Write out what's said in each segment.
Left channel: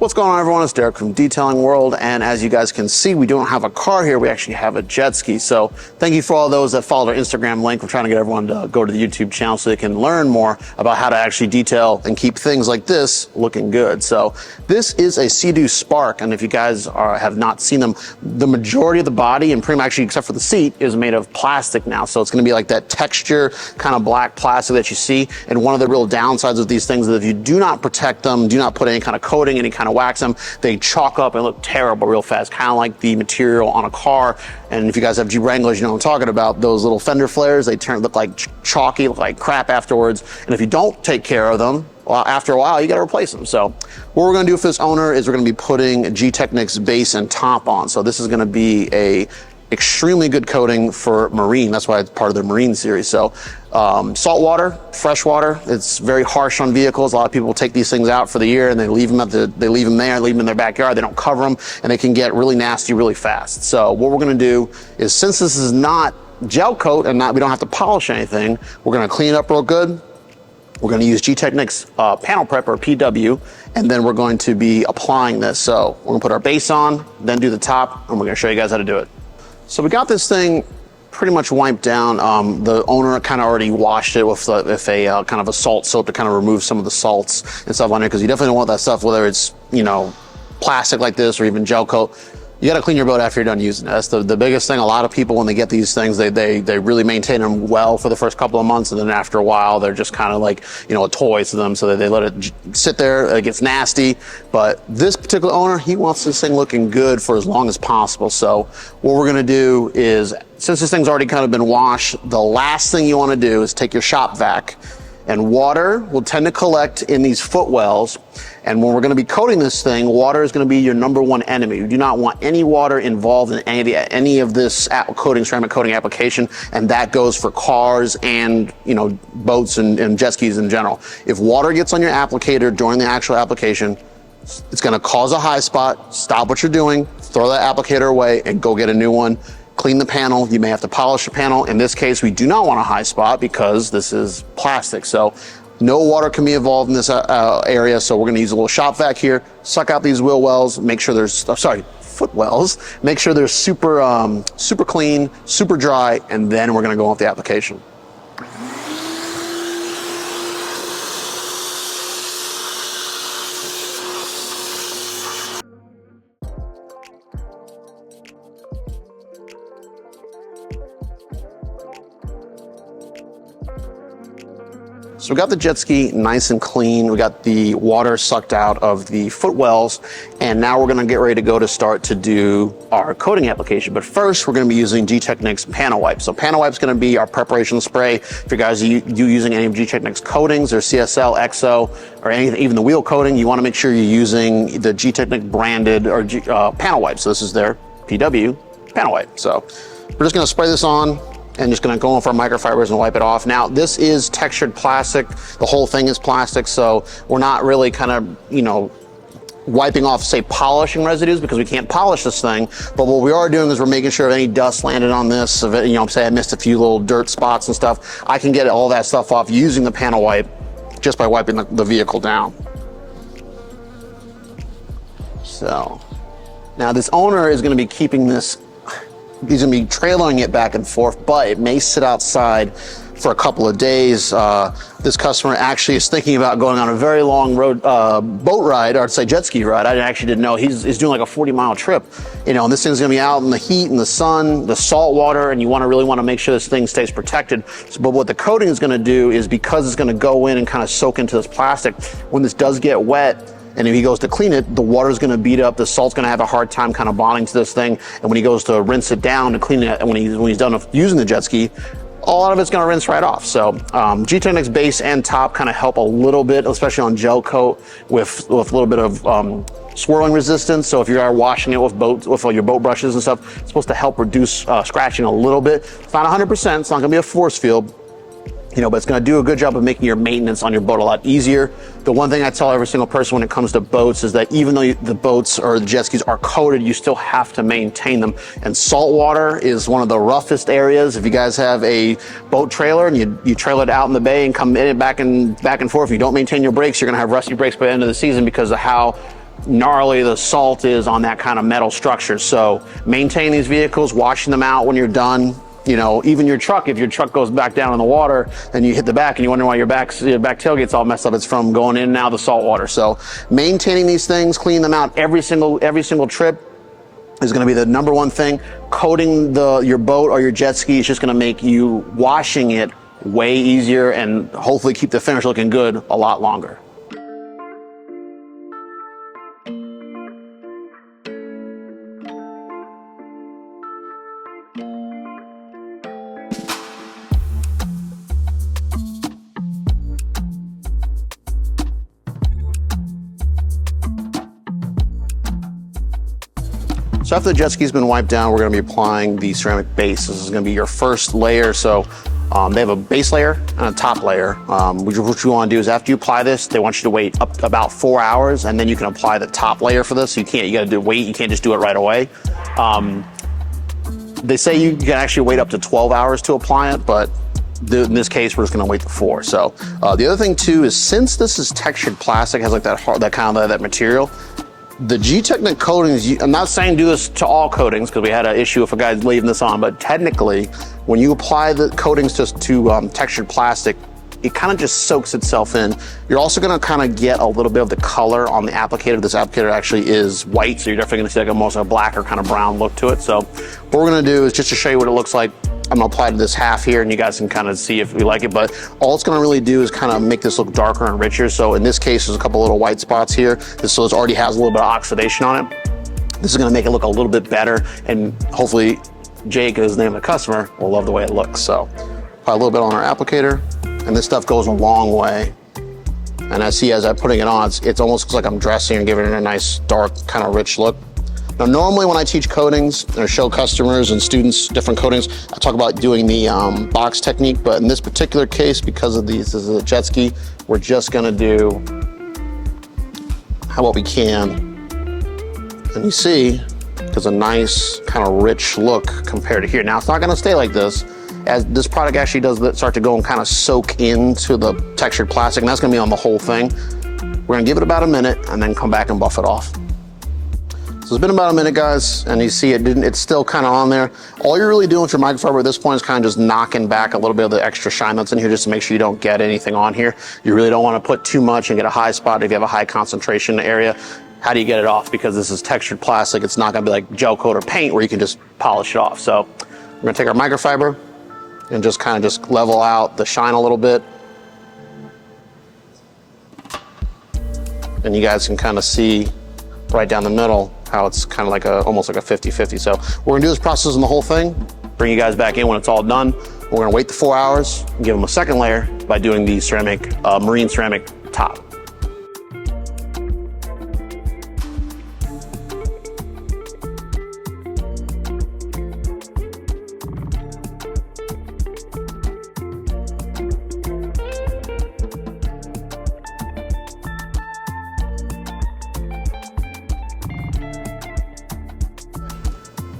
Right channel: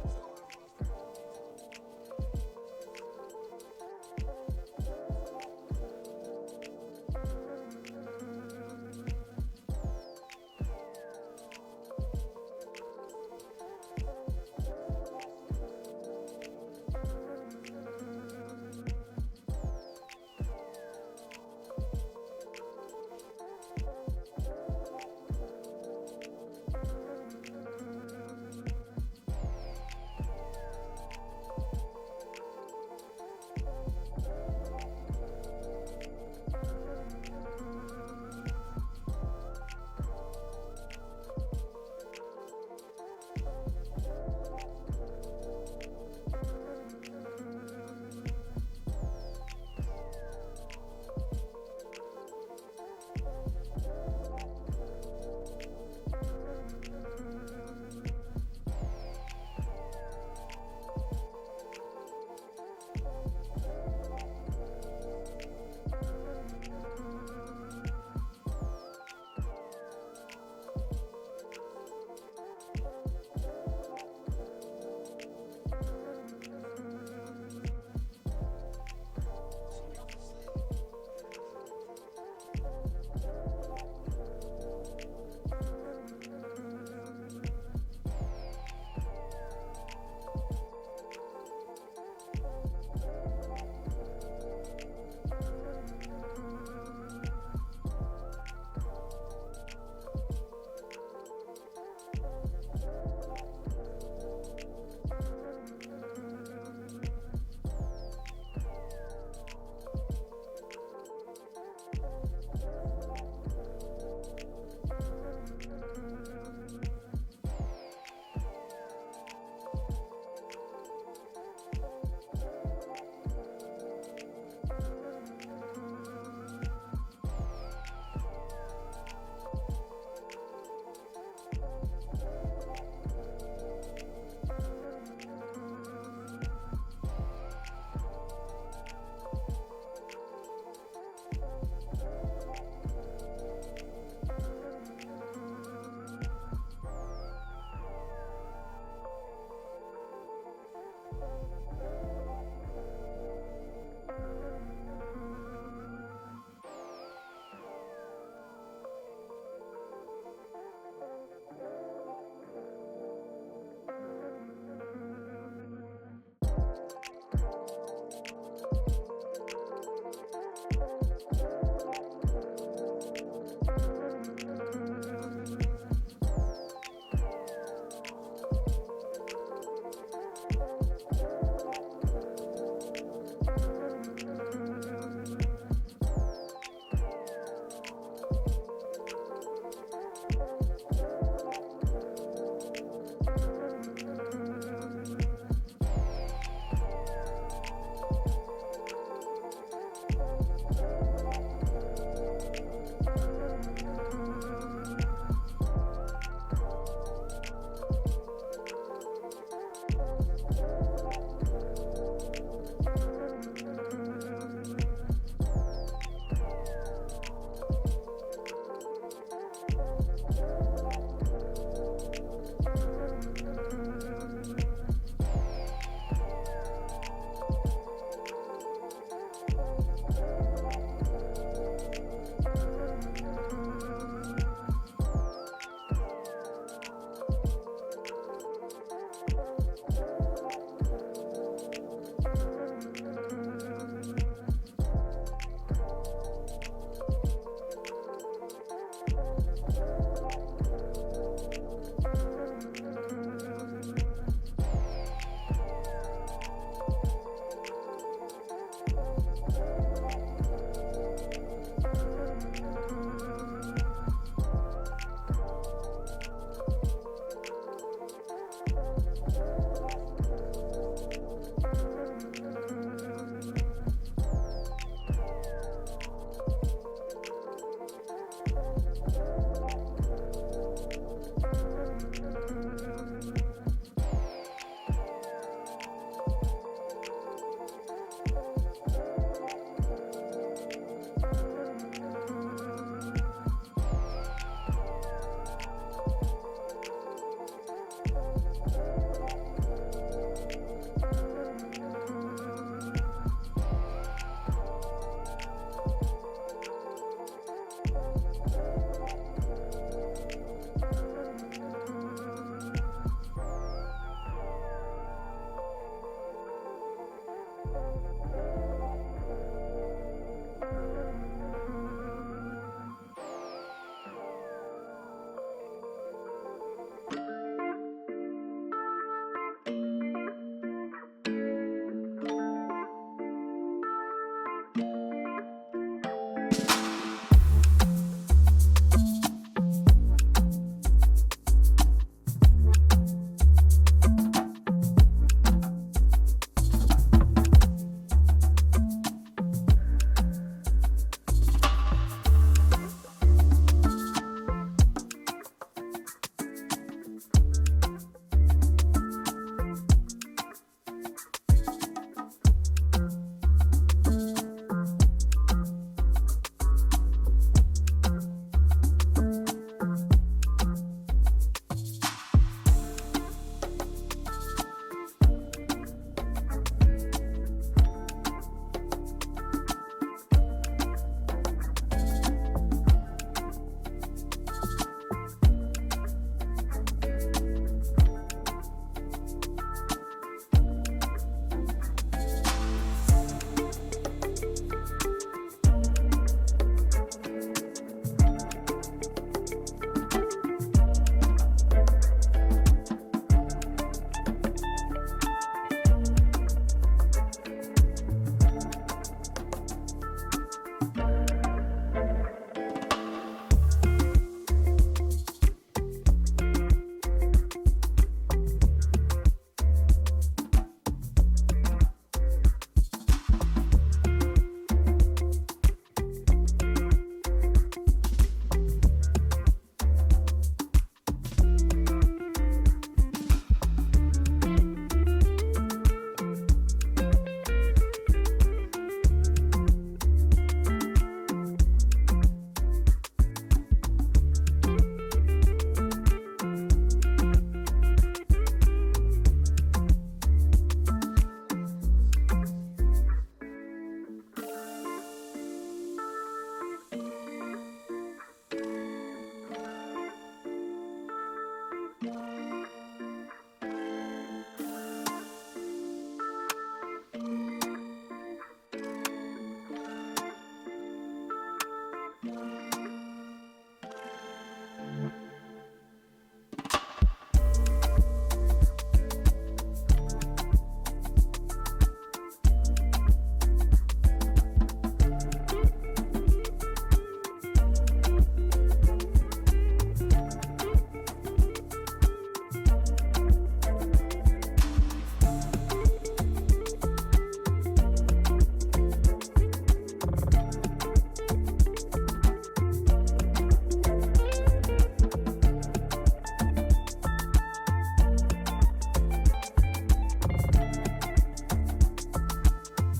What's going on, everyone? It's Derek from Detailing World, and as you guys can see, we don't have a car here, we actually have a jet ski. So thank you for all those that followed our Instagram link. We're trying to get everyone to go to the YouTube channel so they can learn more about how to actually detail and keep things like this looking good. So this is a Sea-Doo Spark, and if you guys have not seen them, the majority of the body, and pretty much actually except for the seat, is made of plastic now. So it's gonna be like that texture, kind of black plastic that you see. And one of the real downsides of these things is if you do not protect them, do not put any kind of coating, any kind of wax them, they chalk up and look terrible real fast, kind of like the material on a car. And if you guys have Jeep Wranglers, you know what I'm talking about. Those little fender flares, they look like chalky, look like crap afterwards. And if you don't take care of them, well, after a while, you gotta replace them. So what we're gonna do for this owner is we're gonna be putting G-Technics base and top on. So this is gonna be a extremely good coating for marine. That's why it's part of the marine series. So salt water, fresh water, it's very harsh on vehicles. A lot of people take these things out for the year and they leave them leave them in their backyard. They don't cover them and they can get really nasty really fast. So what we're gonna do is, since this is not gel coat and we don't have to polish anything, we're gonna clean it up real good. We're gonna use G-Technics Panel Prep, or PW, and then we're going to be applying this. So we're gonna put our base on, then do the top, and we're gonna show you guys how to do it. So we got this thing pretty much wiped down. The owner kind of already washed it with a kind of a salt soap to kind of remove some of the salts and stuff on there, because you definitely don't want that stuff, whether it's, you know, plastic like this or even gel coat. You gotta clean your boat after you're done using it. That's the biggest thing. A lot of people, when they get these things, they really maintain them well for the first couple of months, and then after a while, they're just kind of like, you know, a toy to them, so that they let it sit there, it gets nasty. But this particular owner, he wants this thing looking good for as long as possible. So what we're gonna do is, since this thing's already kind of been washed, the last thing you wanna do is take your shop vac, and water will tend to collect in these footwells. And when we're gonna be coating this thing, water is gonna be your #1 enemy. You do not want any water involved in any of this ceramic coating application, and that goes for cars and, you know, boats and jet skis in general. If water gets on your applicator during the actual application, it's gonna cause a high spot. Stop what you're doing, throw that applicator away, and go get a new one. Clean the panel. You may have to polish the panel. In this case, we do not want a high spot because this is plastic. So no water can be involved in this area. So we're gonna use a little shop vac here, suck out these wheel wells, make sure there's, foot wells, make sure they're super clean, super dry, and then we're gonna go on with the application. So we got the jet ski nice and clean. We got the water sucked out of the footwells, and now we're gonna get ready to go to start to do our coating application. But first, we're gonna be using G-Technics Panel Wipe. So Panel Wipe's gonna be our preparation spray. If you guys are using any of G-Technics coatings, or CSL, EXO, or anything, even the wheel coating, you wanna make sure you're using the G-Technics branded or Panel Wipe. So this is their PW Panel Wipe. So we're just gonna spray this on, and just gonna go in for our microfibers and wipe it off. Now, this is textured plastic. The whole thing is plastic, so we're not really kind of, you know, wiping off, say, polishing residues, because we can't polish this thing. But what we are doing is we're making sure if any dust landed on this, if it, you know, say I missed a few little dirt spots and stuff, I can get all that stuff off using the panel wipe just by wiping the vehicle down. So, now this owner is gonna be keeping this, he's gonna be trailing it back and forth, but it may sit outside for a couple of days. This customer actually is thinking about going on a very long road boat ride, or I'd say jet ski ride. I actually didn't know. He's doing like a 40-mile trip, you know, and this thing's gonna be out in the heat and the sun, the salt water, and you really wanna make sure this thing stays protected. But what the coating is gonna do is, because it's gonna go in and kind of soak into this plastic, when this does get wet, and if he goes to clean it, the water's gonna beat up, the salt's gonna have a hard time kind of bonding to this thing, and when he goes to rinse it down to clean it, and when he's done using the jet ski, a lot of it's gonna rinse right off. So G-Technics base and top kind of help a little bit, especially on gel coat, with a little bit of swirling resistance. So if you are washing it with your boat brushes and stuff, it's supposed to help reduce scratching a little bit. It's not 100%, it's not gonna be a force field, you know, but it's gonna do a good job of making your maintenance on your boat a lot easier. The one thing I tell every single person when it comes to boats is that even though the boats or the jet skis are coated, you still have to maintain them. And salt water is one of the roughest areas. If you guys have a boat trailer and you trail it out in the bay and come in it back and forth, if you don't maintain your brakes, you're gonna have rusty brakes by the end of the season because of how gnarly the salt is on that kind of metal structure. So maintain these vehicles, washing them out when you're done. You know, even your truck, if your truck goes back down in the water and you hit the back and you wonder why your back tailgate's all messed up, it's from going in and out of the salt water. So maintaining these things, cleaning them out every single trip is going to be the number one thing. Coating your boat or your jet ski is just going to make you washing it way easier and hopefully keep the finish looking good a lot longer. So after the jet ski's been wiped down, we're going to be applying the ceramic base. This is going to be your first layer. So they have a base layer and a top layer. What you want to do is after you apply this, they want you to wait up about 4 hours, and then you can apply the top layer for this. You got to wait. You can't just do it right away. They say you can actually wait up to 12 hours to apply it, but in this case, we're just going to wait for 4. So the other thing too is, since this is textured plastic, has like that hard, that material. The Gtechniq coatings, I'm not saying do this to all coatings because we had an issue if a guy's leaving this on, but technically, when you apply the coatings to textured plastic, it kind of just soaks itself in. You're also gonna kind of get a little bit of the color on the applicator. This applicator actually is white, so you're definitely gonna see like almost a black or kind of brown look to it. So what we're gonna do is just to show you what it looks like, I'm gonna apply to this half here and you guys can kind of see if we like it, but all it's gonna really do is kind of make this look darker and richer. So in this case, there's a couple little white spots here. So it already has a little bit of oxidation on it. This is gonna make it look a little bit better, and hopefully Jake, is the name of the customer, will love the way it looks. So apply a little bit on our applicator, and this stuff goes a long way. And I see as I'm putting it on, it's almost looks like I'm dressing and giving it a nice dark kind of rich look. Now, normally when I teach coatings or show customers and students different coatings, I talk about doing the box technique, but in this particular case, because of this is a jet ski, we're just gonna do what we can. And you see, there's a nice kind of rich look compared to here. Now, it's not gonna stay like this, as this product actually does start to go and kind of soak into the textured plastic, and that's gonna be on the whole thing. We're gonna give it about a minute and then come back and buff it off. So it's been about a minute, guys, and you see it's still kind of on there. All you're really doing with your microfiber at this point is kind of just knocking back a little bit of the extra shine that's in here just to make sure you don't get anything on here. You really don't want to put too much and get a high spot if you have a high concentration area. How do you get it off? Because this is textured plastic, it's not gonna be like gel coat or paint where you can just polish it off. So we're gonna take our microfiber and just kind of just level out the shine a little bit. And you guys can kind of see right down the middle how it's kind of like almost like a 50-50. So we're gonna do this process in the whole thing, bring you guys back in when it's all done. We're gonna wait the 4 hours and give them a second layer by doing the ceramic, marine ceramic top.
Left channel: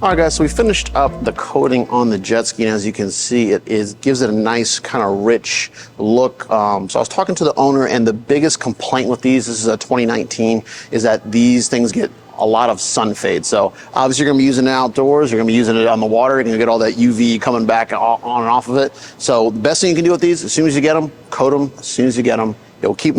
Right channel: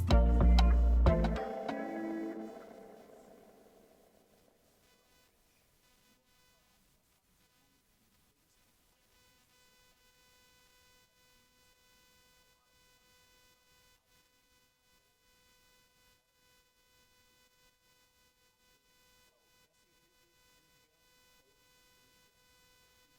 All right, guys, so we finished up the coating on the jet ski, and as you can see, gives it a nice kind of rich look. So I was talking to the owner, and the biggest complaint with these, this is a 2019, is that these things get a lot of sun fade. So obviously you're gonna be using it outdoors, you're gonna be using it on the water, you're gonna get all that UV coming back on and off of it. So the best thing you can do with these, as soon as you get them, coat them as soon as you get them. It'll keep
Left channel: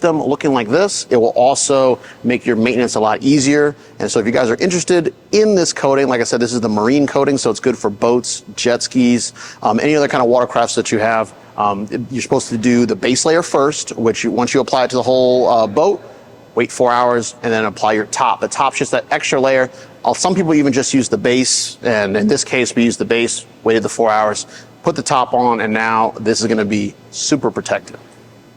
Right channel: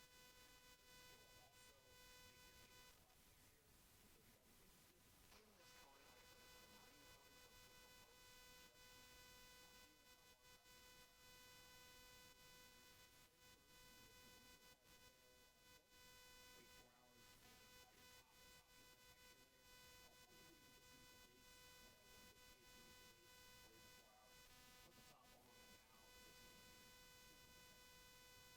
them looking like this. It will also make your maintenance a lot easier. And so if you guys are interested in this coating, like I said, this is the marine coating, so it's good for boats, jet skis, any other kind of watercrafts that you have. You're supposed to do the base layer first, which once you apply it to the whole boat, wait 4 hours, and then apply your top. The top's just that extra layer. Some people even just use the base, and in this case, we used the base, waited the 4 hours, put the top on, and now this is gonna be super protected.